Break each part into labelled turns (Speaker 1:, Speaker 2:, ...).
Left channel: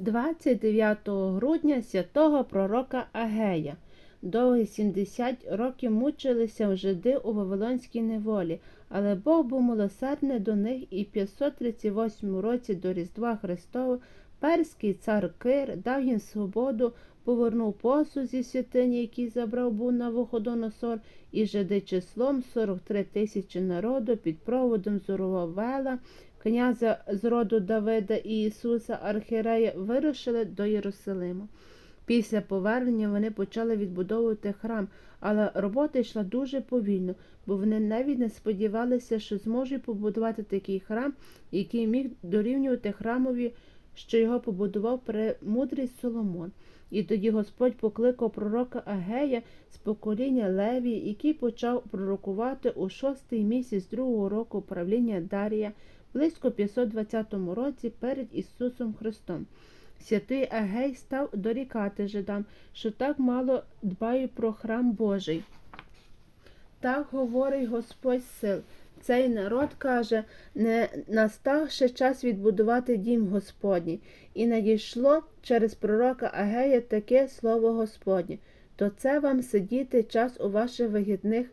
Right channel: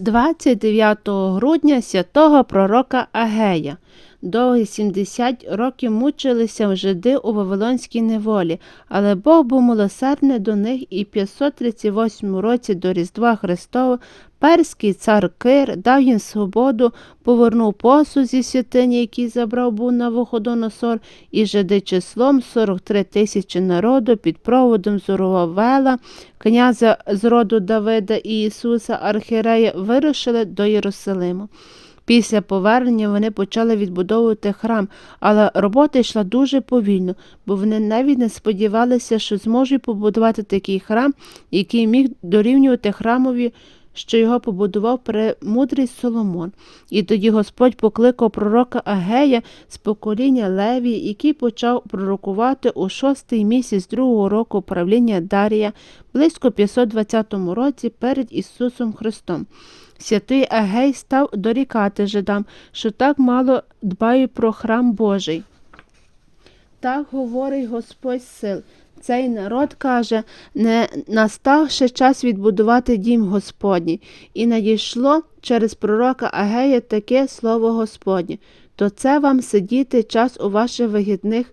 Speaker 1: 29 грудня святого пророка Агея. Довгі 70 років мучилися жиди у Вавилонській неволі, але Бог був милосердний до них і в 538 році до Різдва Христова перський цар Кир дав їм свободу, повернув посуд зі святині, який забрав був на Вуходоносор, і жиди числом 43 тисячі народу під проводом Зоровавела, князя з роду Давида і Ісуса Архірея вирушили до Єрусалиму. Після повернення вони почали відбудовувати храм, але робота йшла дуже повільно, бо вони навіть не сподівалися, що зможуть побудувати такий храм, який міг дорівнювати храмові, що його побудував премудрий Соломон. І тоді Господь покликав пророка Агея з покоління Леві, який почав пророкувати у шостий місяць другого року правління Дарія, близько 520 році перед Ісусом Христом. Святий Агей став дорікати жидам, що так мало дбають про храм Божий. Так говорить Господь сил. Цей народ каже, не настав ще час відбудувати дім Господній, і надійшло через пророка Агея таке слово Господнє. То це вам сидіти час у ваших вигідних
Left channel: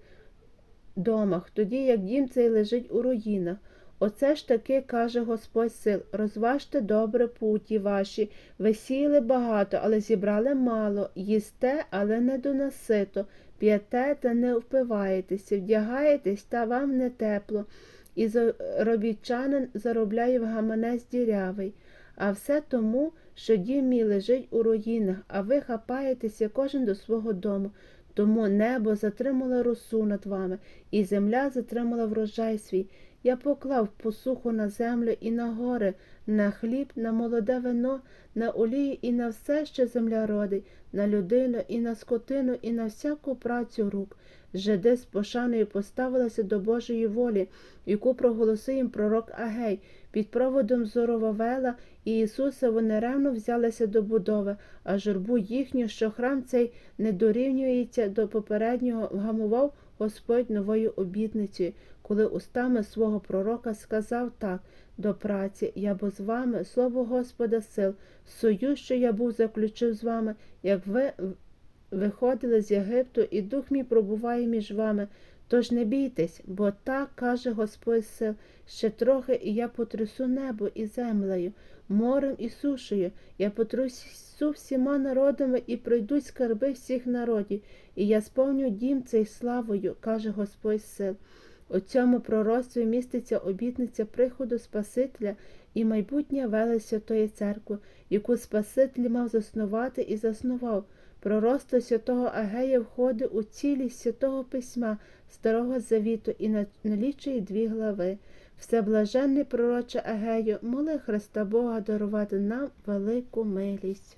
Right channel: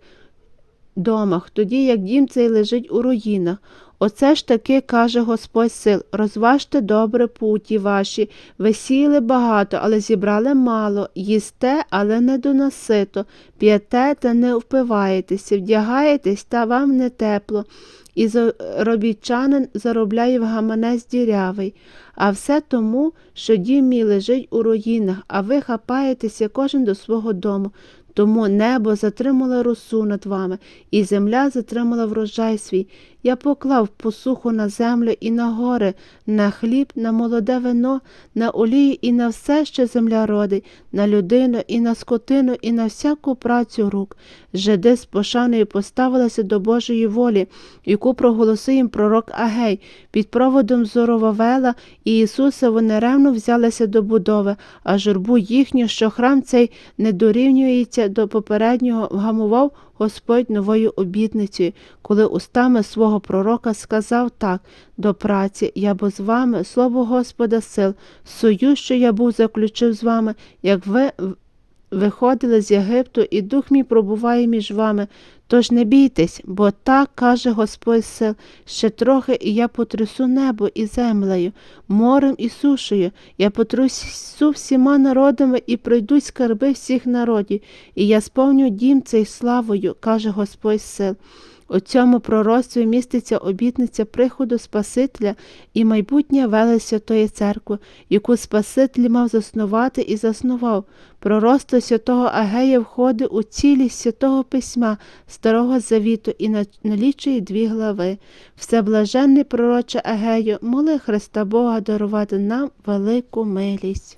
Speaker 1: домах, тоді як дім цей лежить у руїнах. Оце ж таки каже Господь сил, розважте добре путі ваші, ви сіяли багато, але зібрали мало, їсте, але не доносито, п'єте та не впиваєтеся, вдягаєтесь, та вам не тепло, і заробітчанин заробляє в гаманець дірявий. А все тому, що дім мій лежить у руїнах, а ви хапаєтеся кожен до свого дому. Тому небо затримало росу над вами, і земля затримала врожай свій. Я поклав посуху на землю і на гори, на хліб, на молоде вино, на олію і на все, що земля родить, на людину і на скотину, і на всяку працю рук. Жиди з пошаною поставилися до Божої волі, яку проголосив їм пророк Агей. Під проводом Зоровавела і Ісуса вони ревно взялися до будови, а журбу їхню, що храм цей не дорівнюється до попереднього, вгамував Господь новою обітницею, коли устами свого пророка сказав так до праці, я бо з вами, слово Господа сил, союз, що я був заключив з вами, як ви виходили з Єгипту, і дух мій пробуває між вами. Тож не бійтесь, бо так каже Господь сил, ще трохи, і я потрясу небо і землею, морем і сушею, я потрясу всіма народами і пройдуть скарби всіх народів, і я сповню дім цей славою, каже Господь сил. У цьому пророцтві міститься обітниця приходу Спасителя і майбутнє веле Святої Церкви, яку Спаситель мав заснувати і заснував. Пророцтво святого Агея входить у цілість святого письма Старого Завіту і налічує дві глави. Всеблаженний пророче Агею, моли Христа Бога дарувати нам велику милість.